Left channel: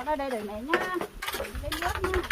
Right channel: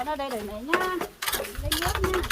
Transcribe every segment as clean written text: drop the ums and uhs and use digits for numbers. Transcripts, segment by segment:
con ở đây đợi mẹ nhá, lấy nước nha.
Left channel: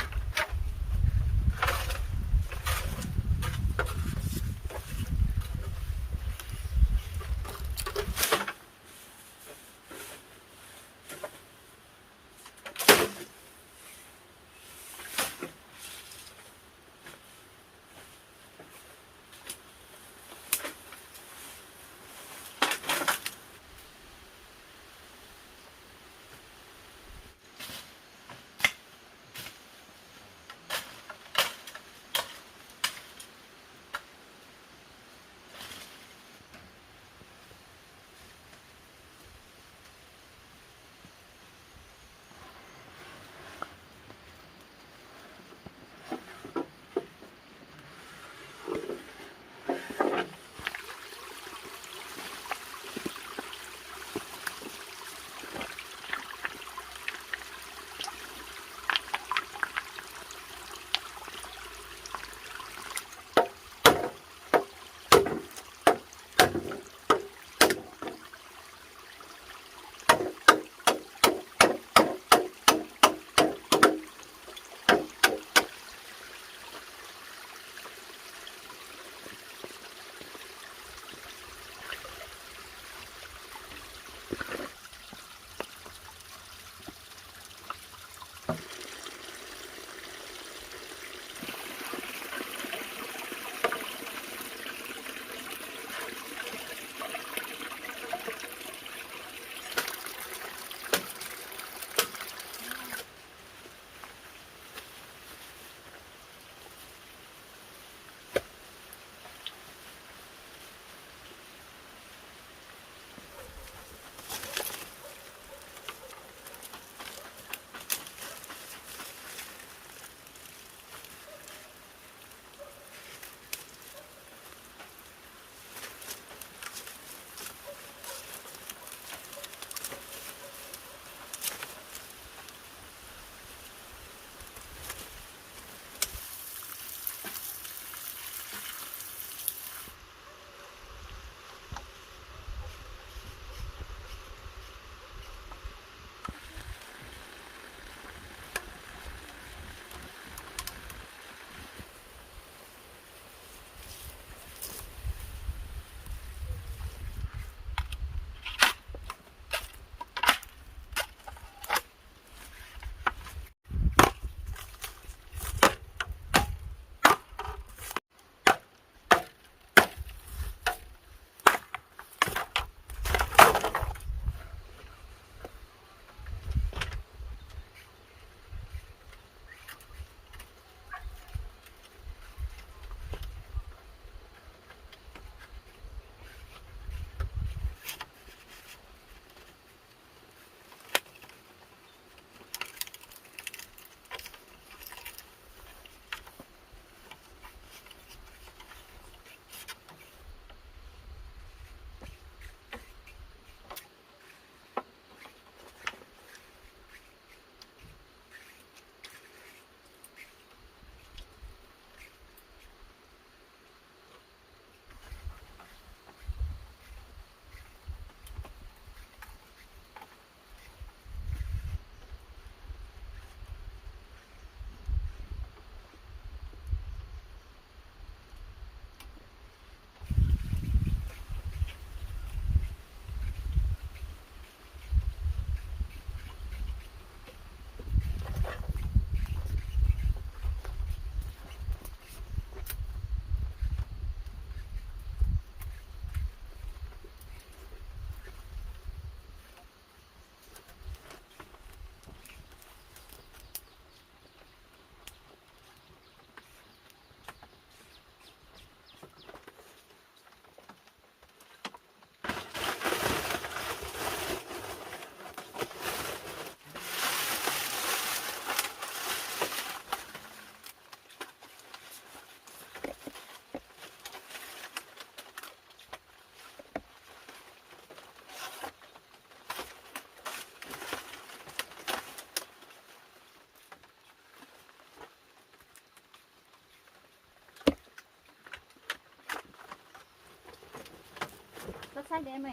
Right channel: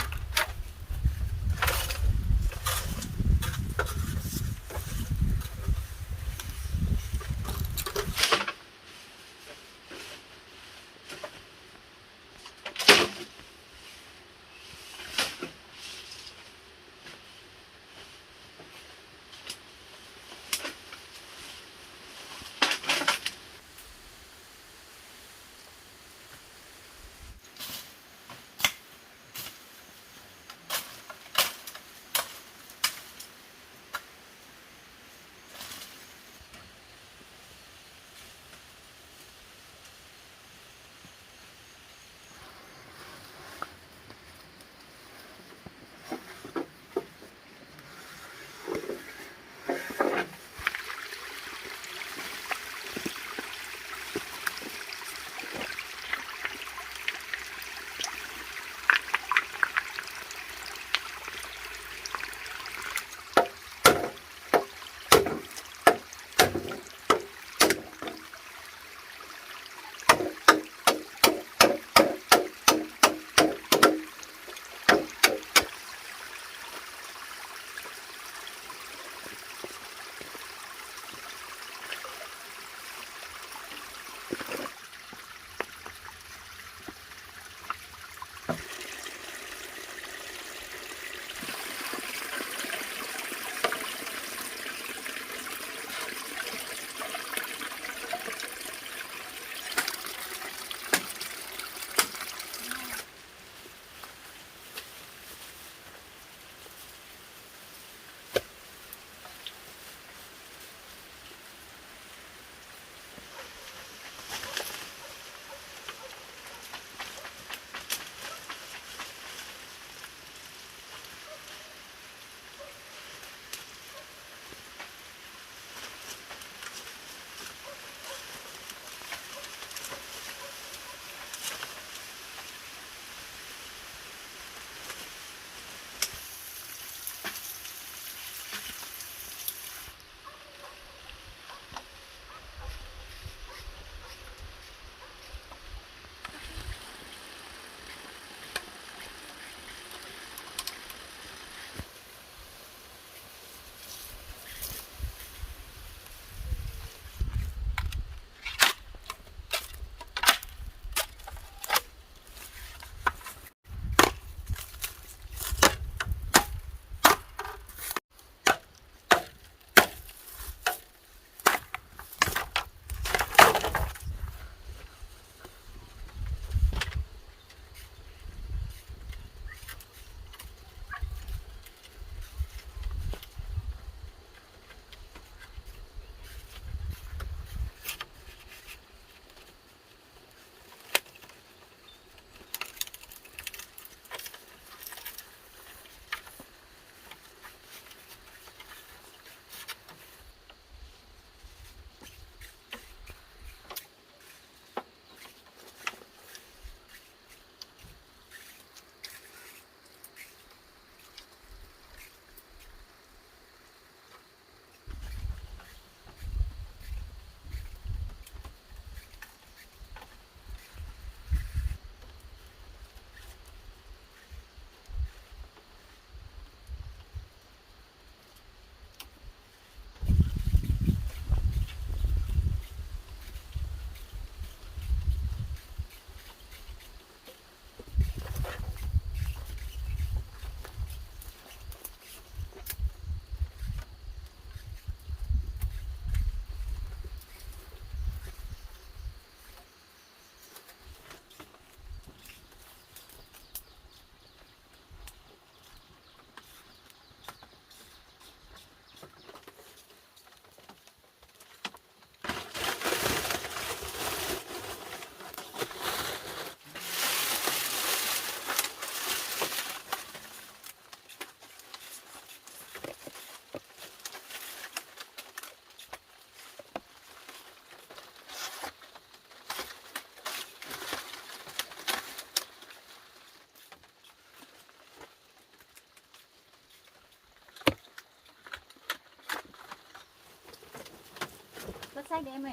Cất sách đấy em ơi.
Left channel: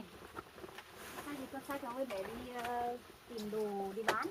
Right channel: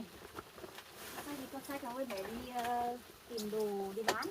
Sách thì cất sách cháu ơi để đi tìm đồ đi bán.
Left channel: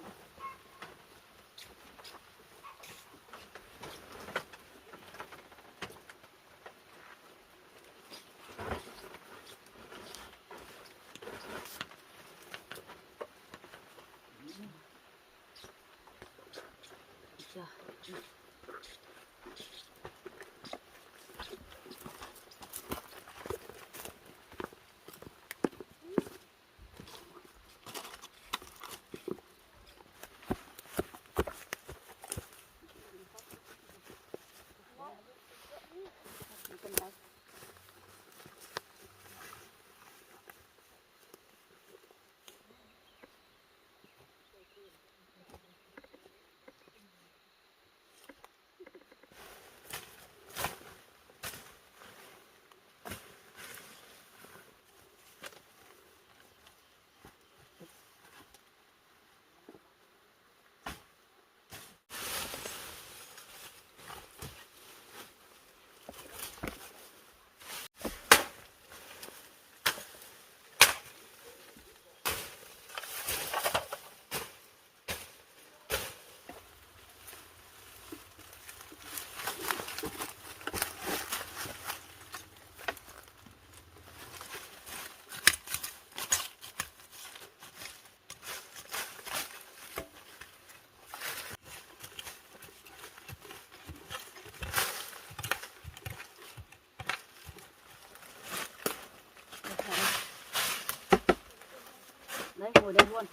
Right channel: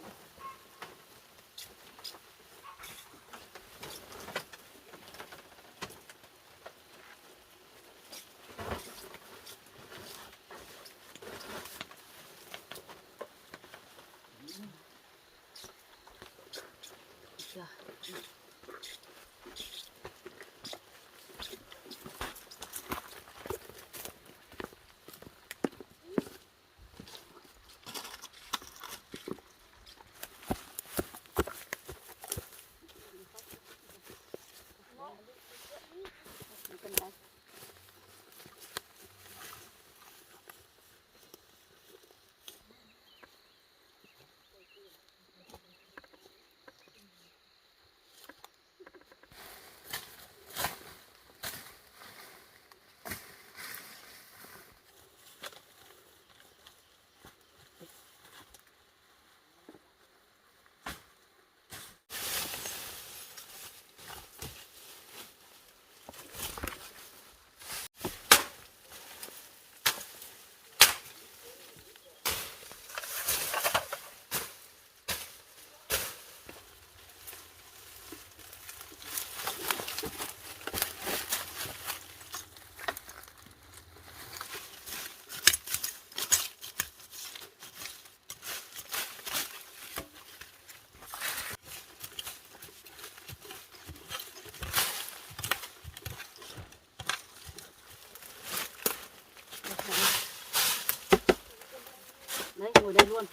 Đấy, ngồi đây luôn.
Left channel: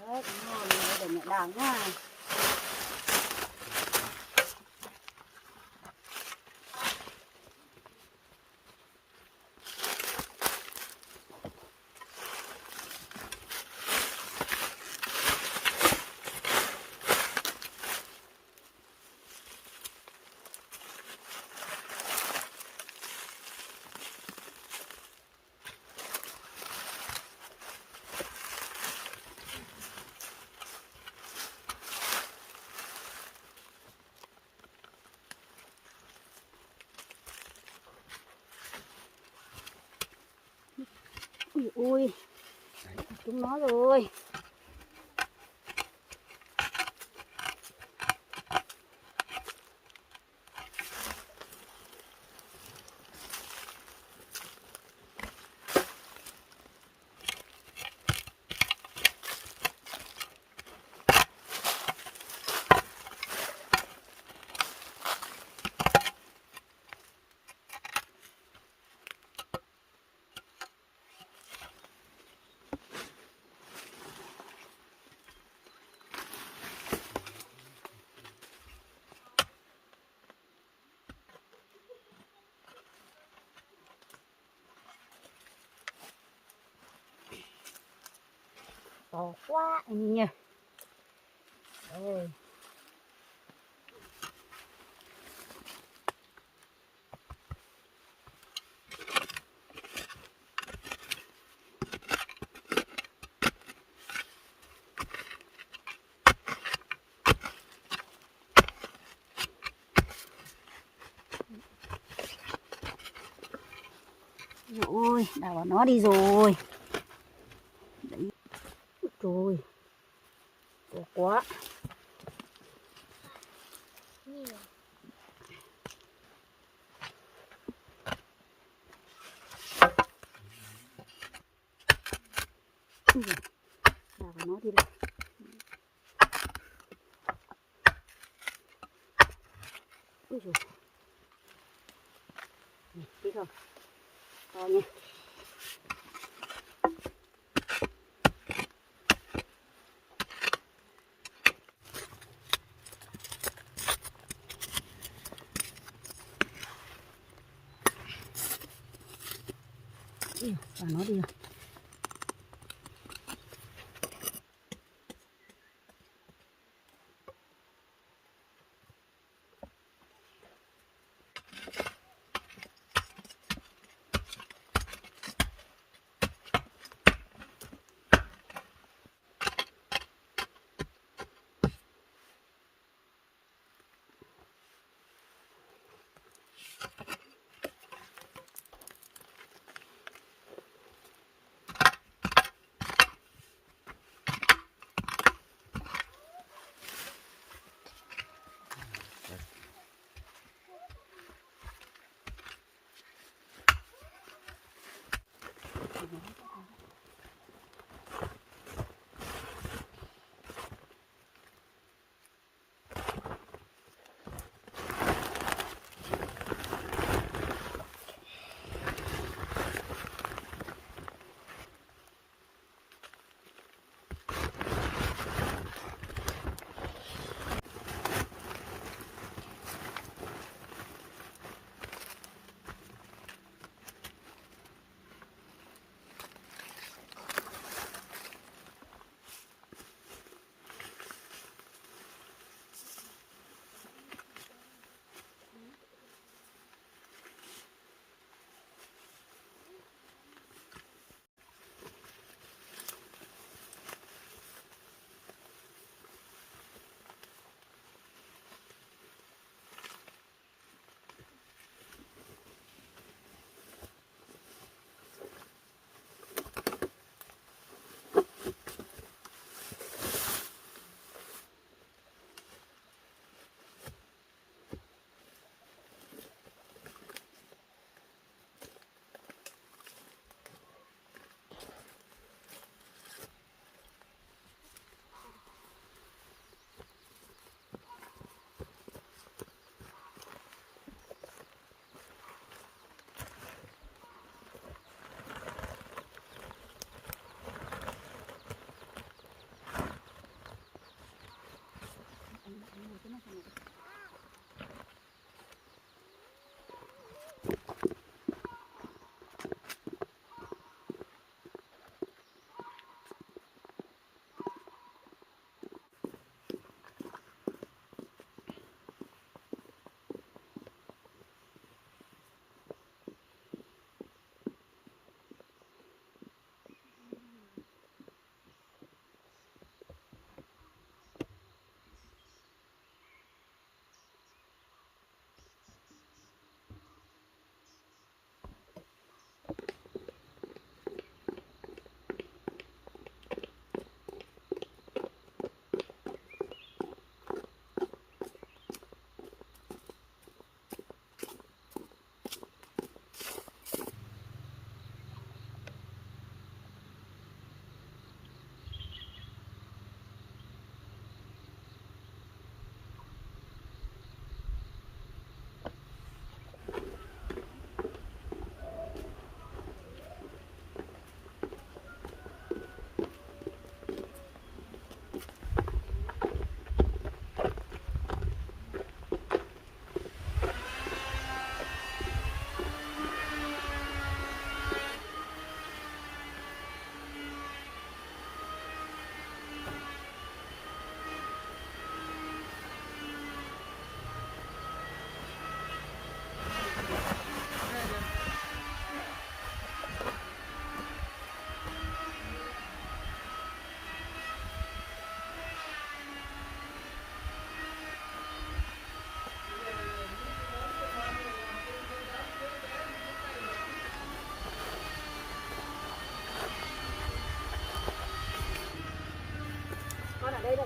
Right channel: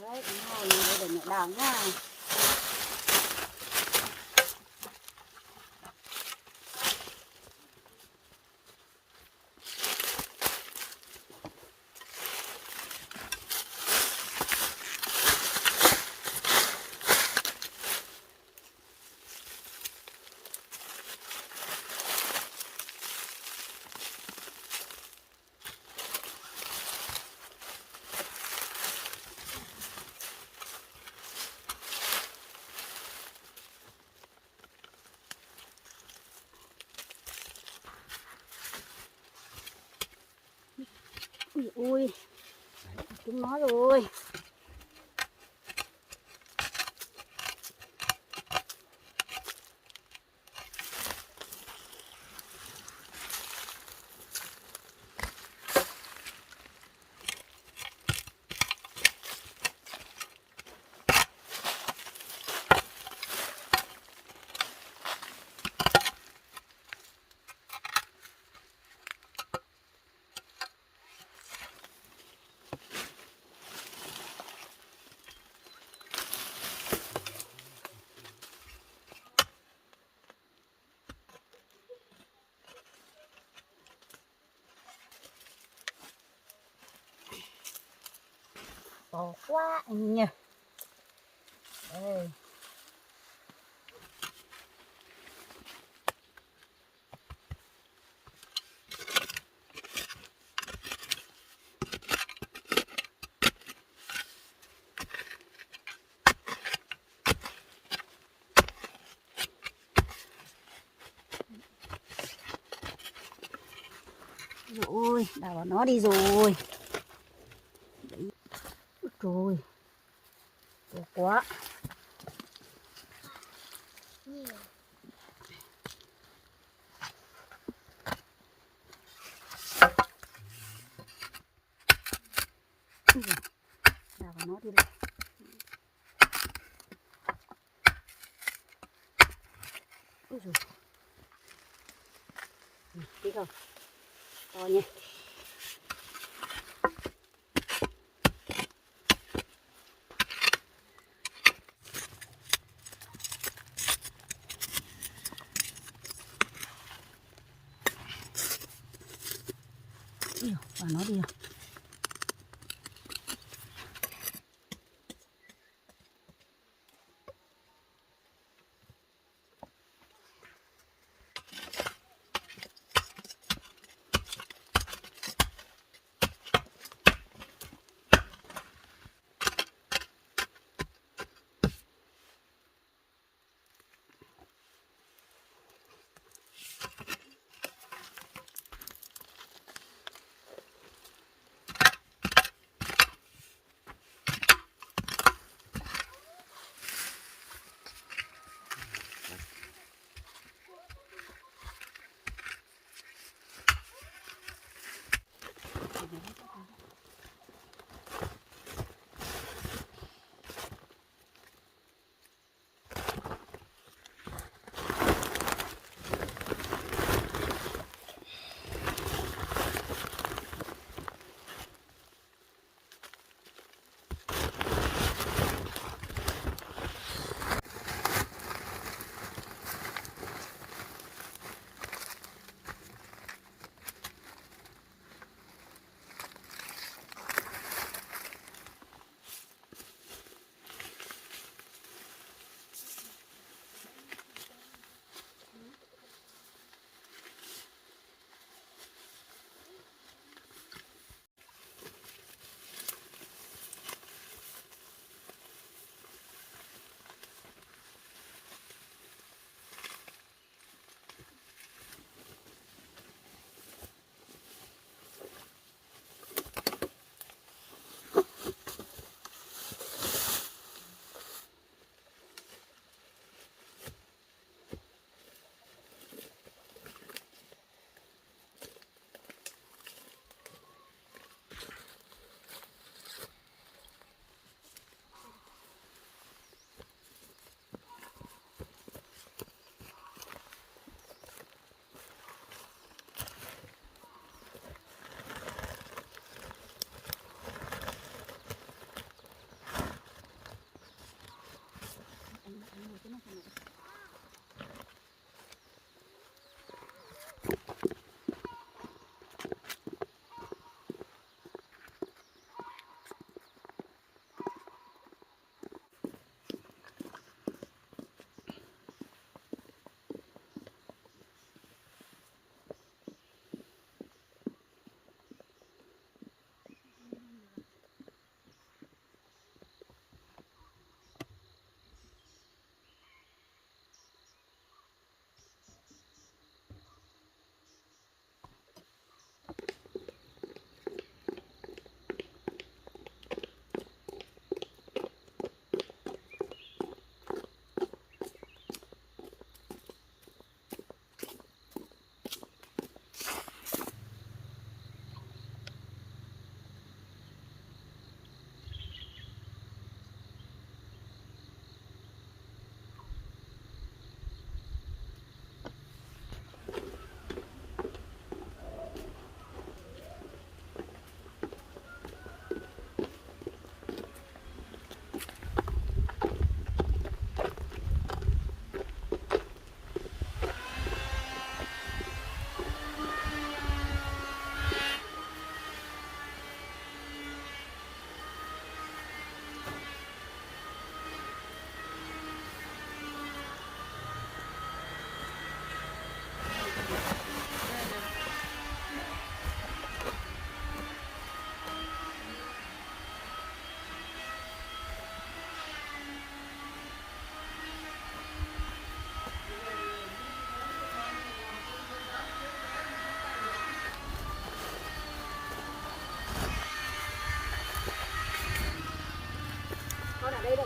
Đấy, ngồi đây để mẹ đào nha. Ui, chúng nó rồi. To quá anh nhỉ. Ôi. Ôi, đào vào nó đi rồi. Đấy. Rồi. To quá. Đào vào nó đi đây. Ui dồi. Đi không? To nha. Vào nó đi rồi.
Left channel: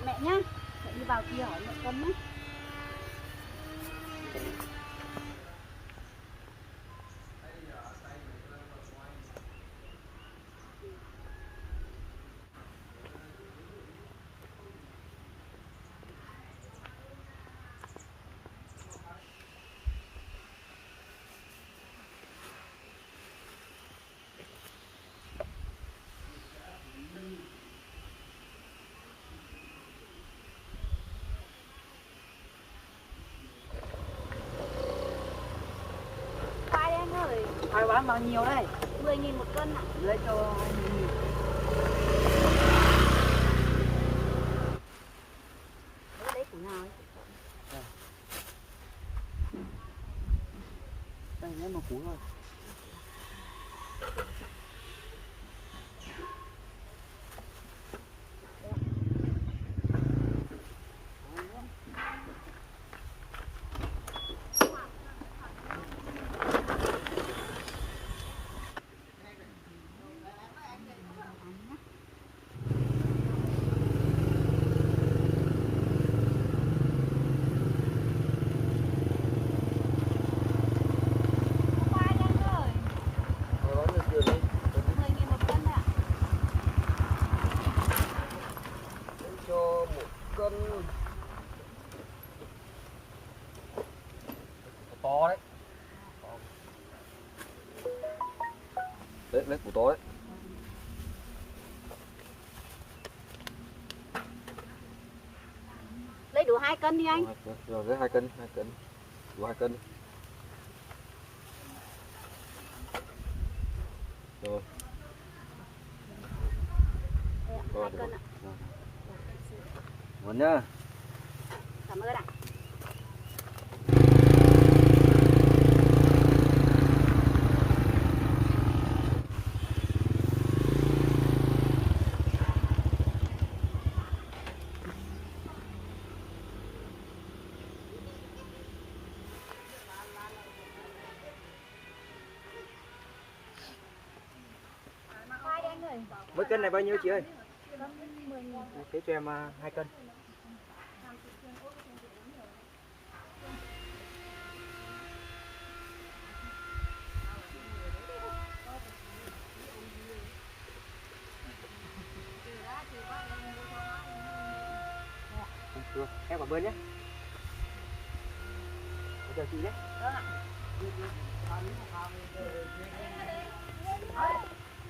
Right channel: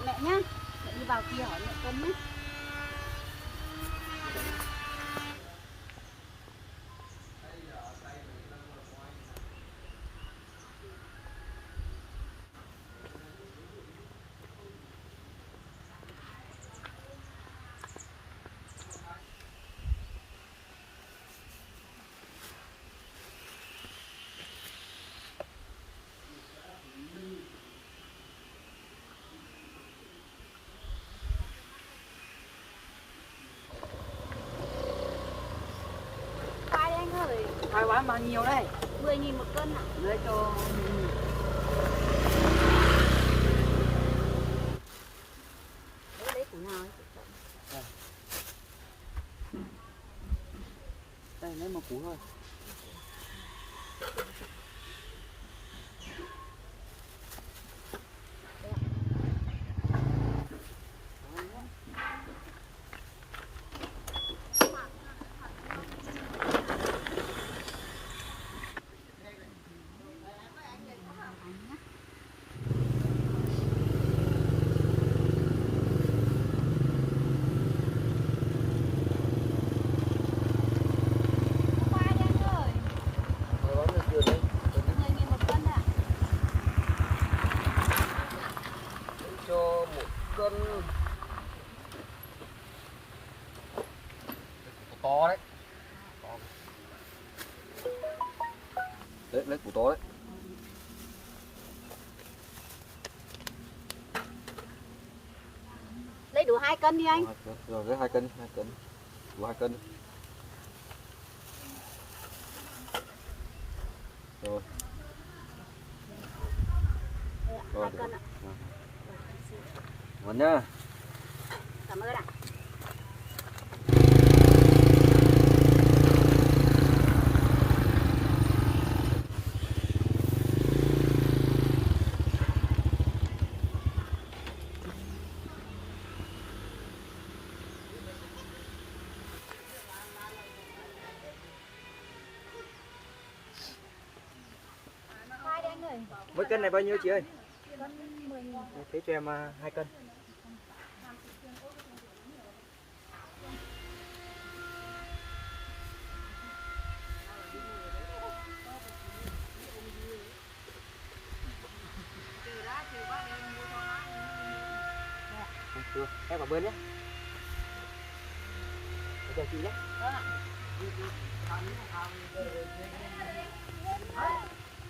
mẹ nhá. Mẹ đi vào kia hỏi mẹ cân nhé. Khoai đây anh ơi. Khoai bán bao nhiêu đây? 10.000 một cân ạ. Lấy cho 10.000. Lấy củ nào ấy? Đây lấy một củ thôi. To đấy. Đấy, lấy củ to đấy. Lấy đủ 2 cân đi anh. Rồi lấy 2 cân, 2 cân. Đủ 2 cân. Rồi. Rồi, 2 cân ạ. Ngon nhá. Cảm ơn ạ. Khoai đây anh ơi. Mỗi cân này bao nhiêu chị ơi? Cân 10.000. Thế cho em 2 cân. Được, em cảm ơn nhé. Chào chị nhé. Vâng ạ.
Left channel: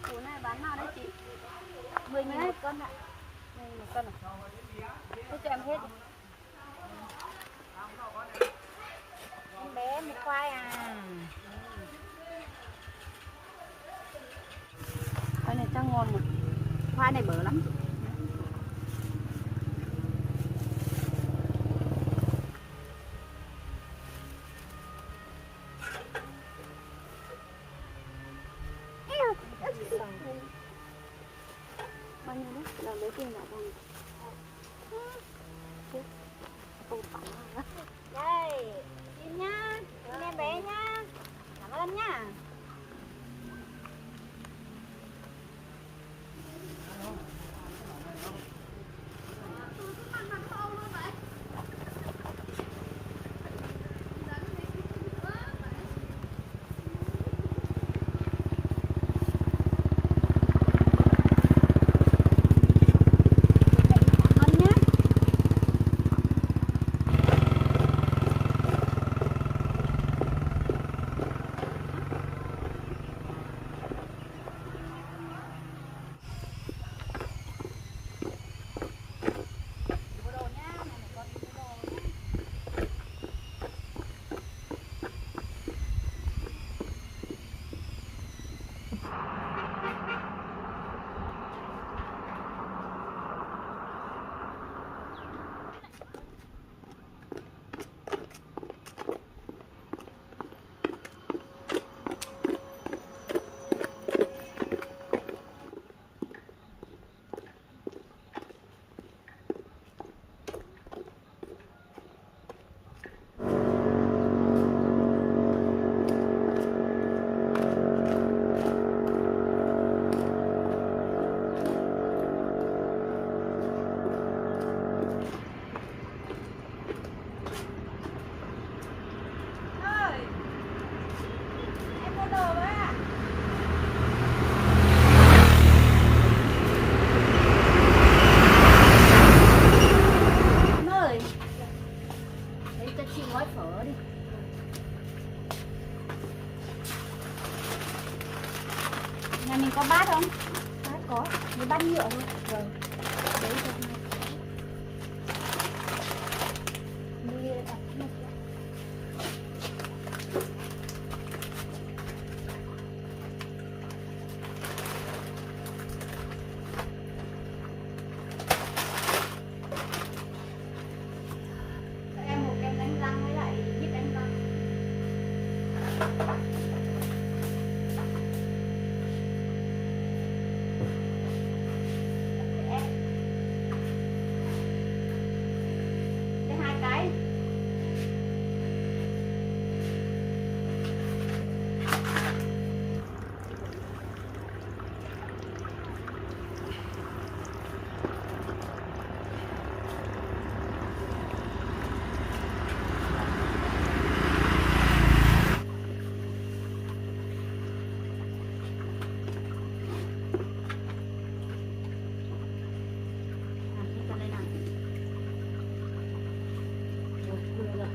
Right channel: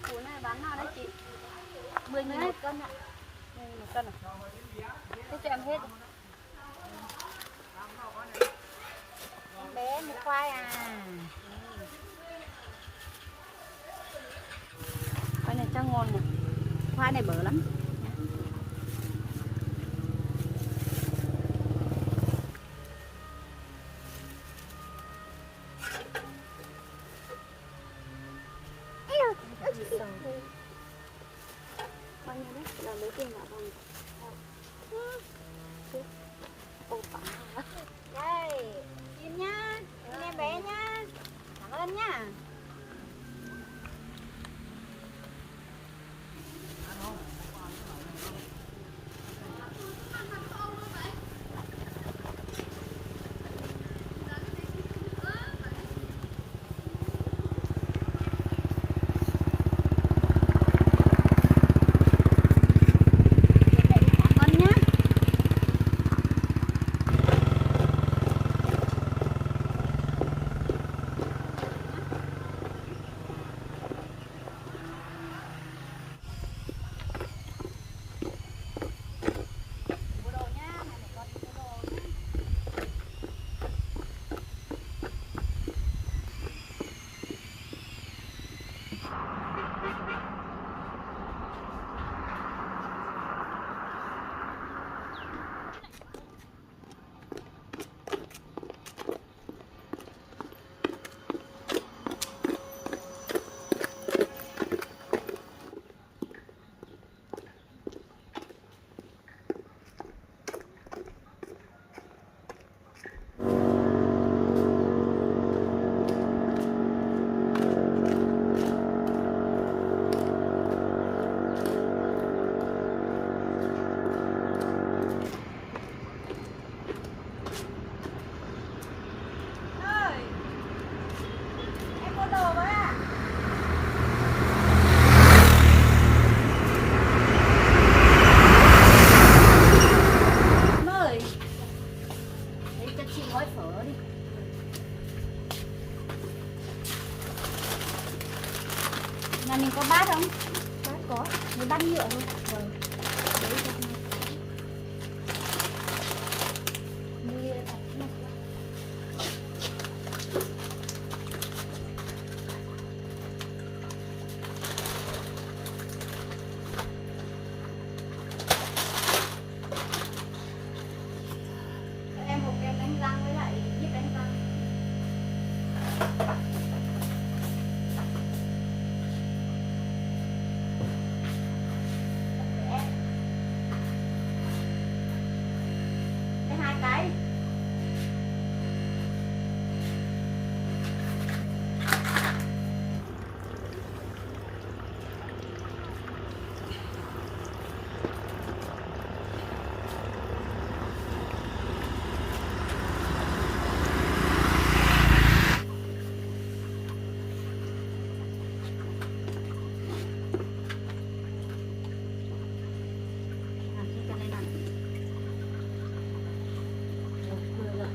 Củ này bán nào đấy chị? 10.000 một cân ạ. 10.000 một cân à? Thế cho em hết đi. Em bé một khoai à. Khoai này chắc ngon mà. Khoai này bở lắm. Bao nhiêu đấy? Là lấy tiền vào bằng. Ô phẳng hả? Đây, xin nhá. Xin em bé nhá. Cảm ơn nhá. bát nhựa thôi. Rồi. Đấy cho hai. Đi đặt một cái. Cho em một cái đánh răng với lại nhíp đánh răng. Đây hai cái. Cái này này. Rồi, vừa rồi.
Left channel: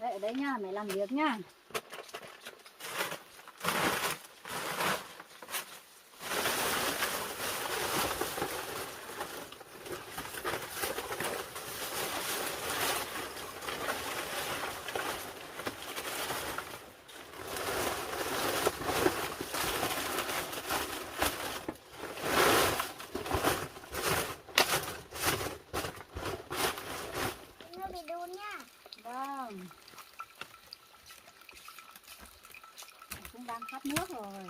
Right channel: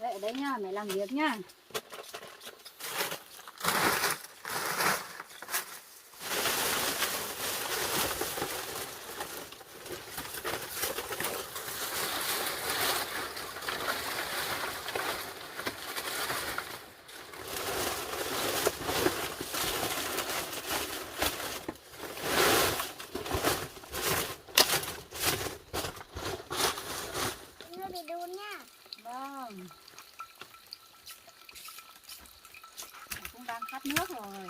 Đấy, ở đấy nha, mẹ làm việc nha. Nó bị đun nha. Vâng. Cũng đang khát nước rồi.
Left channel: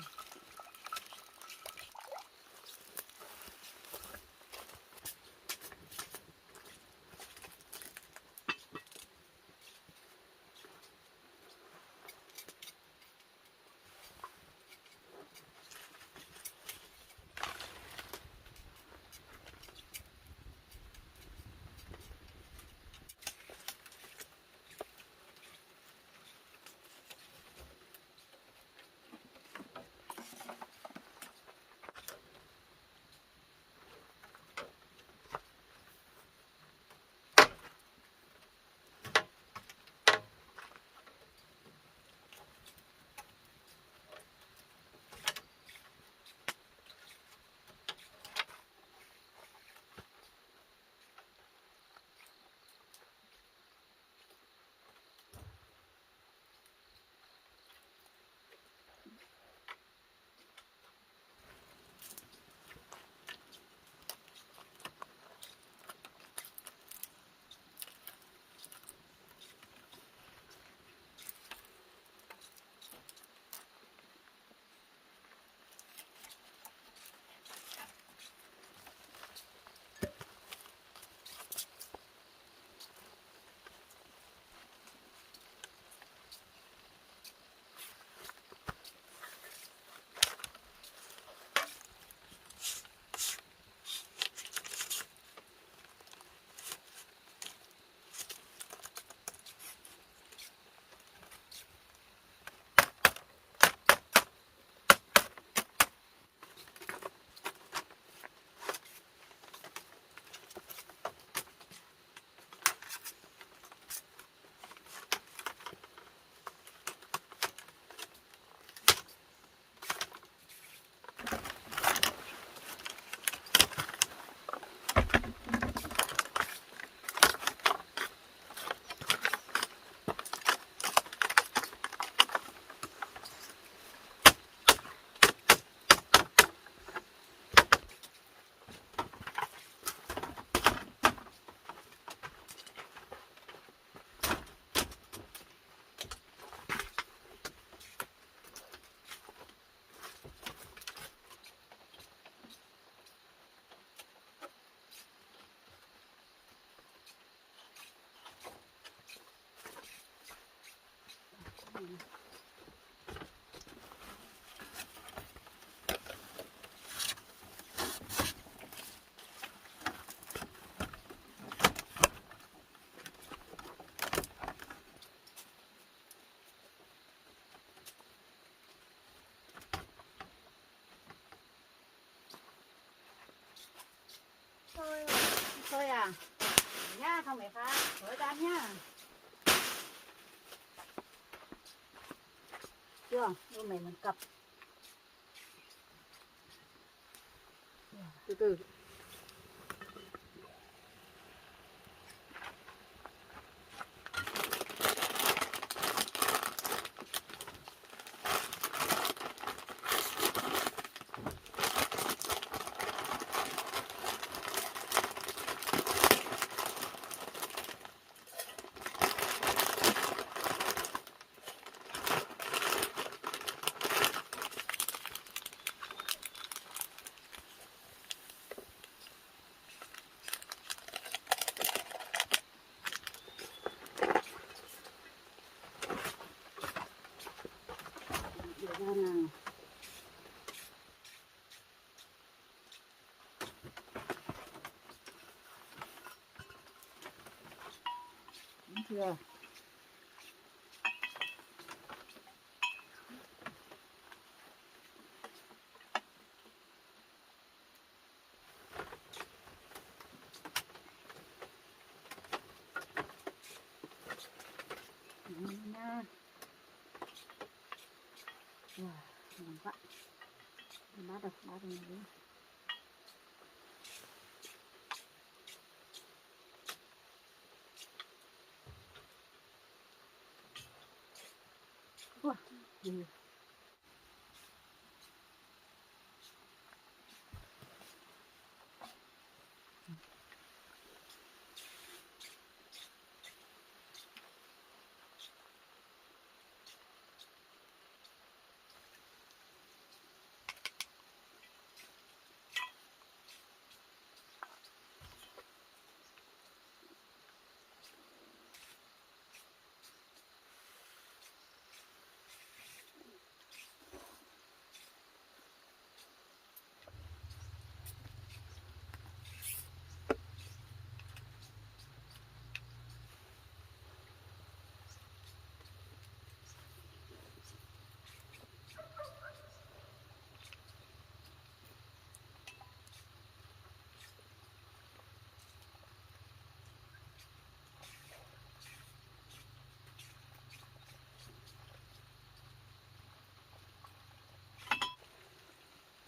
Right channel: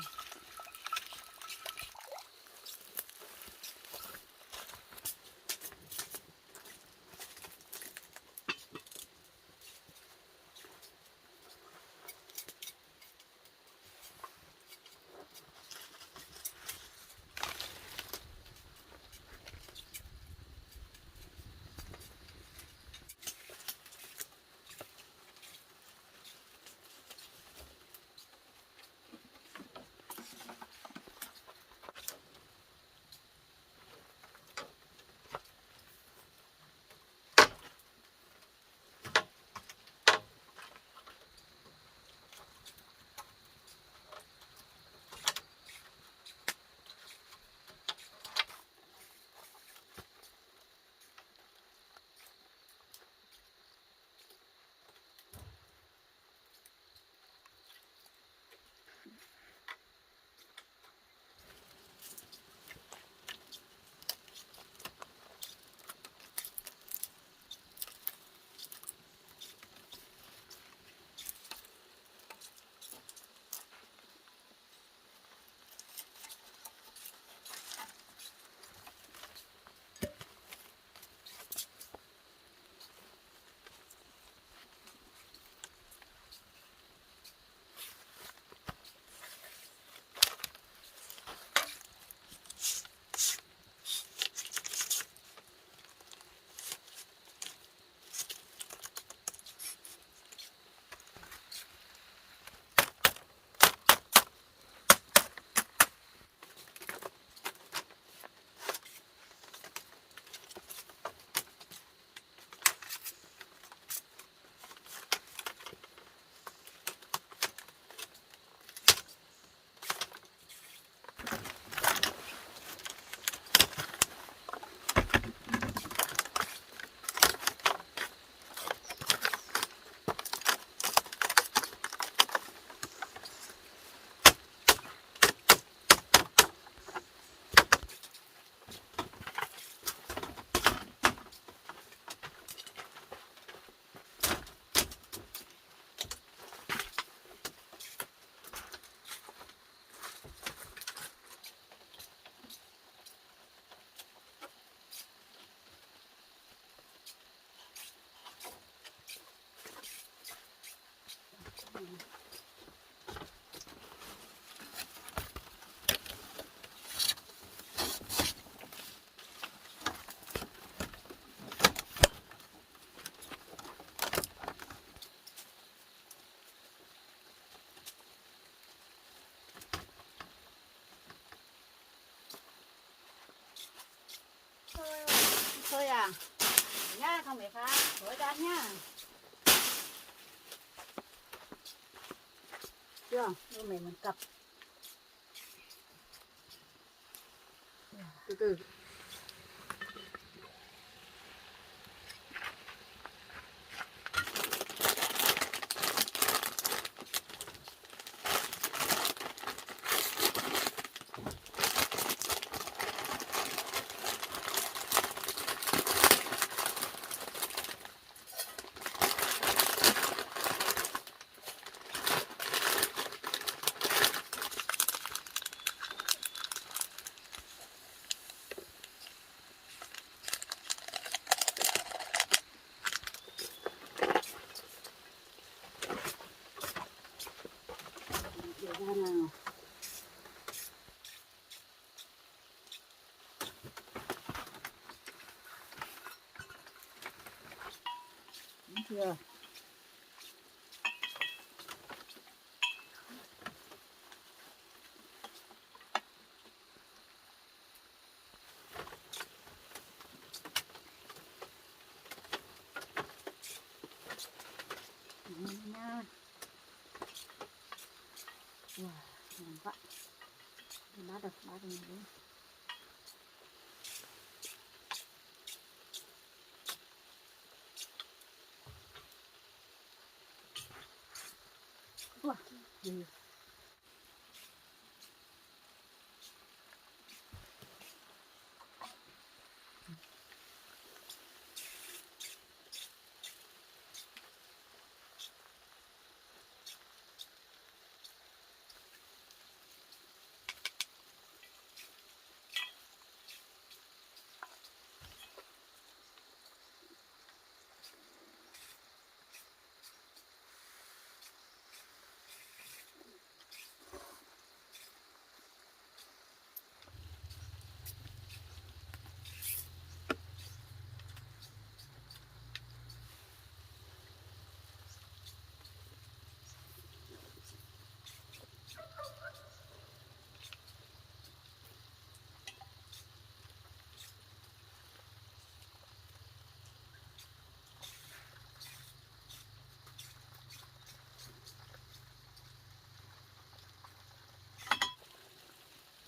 Thôi à, nhá không phải phá, với đám nhá. Chưa, đôi mày mình cặp. Từ từ. Để ra nào. Đúng chưa? Đấy nha. Wow, ngon quá. Bát được nữa. Wow. Ừ.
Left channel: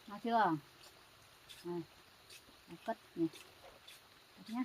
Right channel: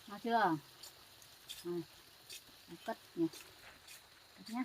Được chưa? Cất nhỉ. Cất nhé.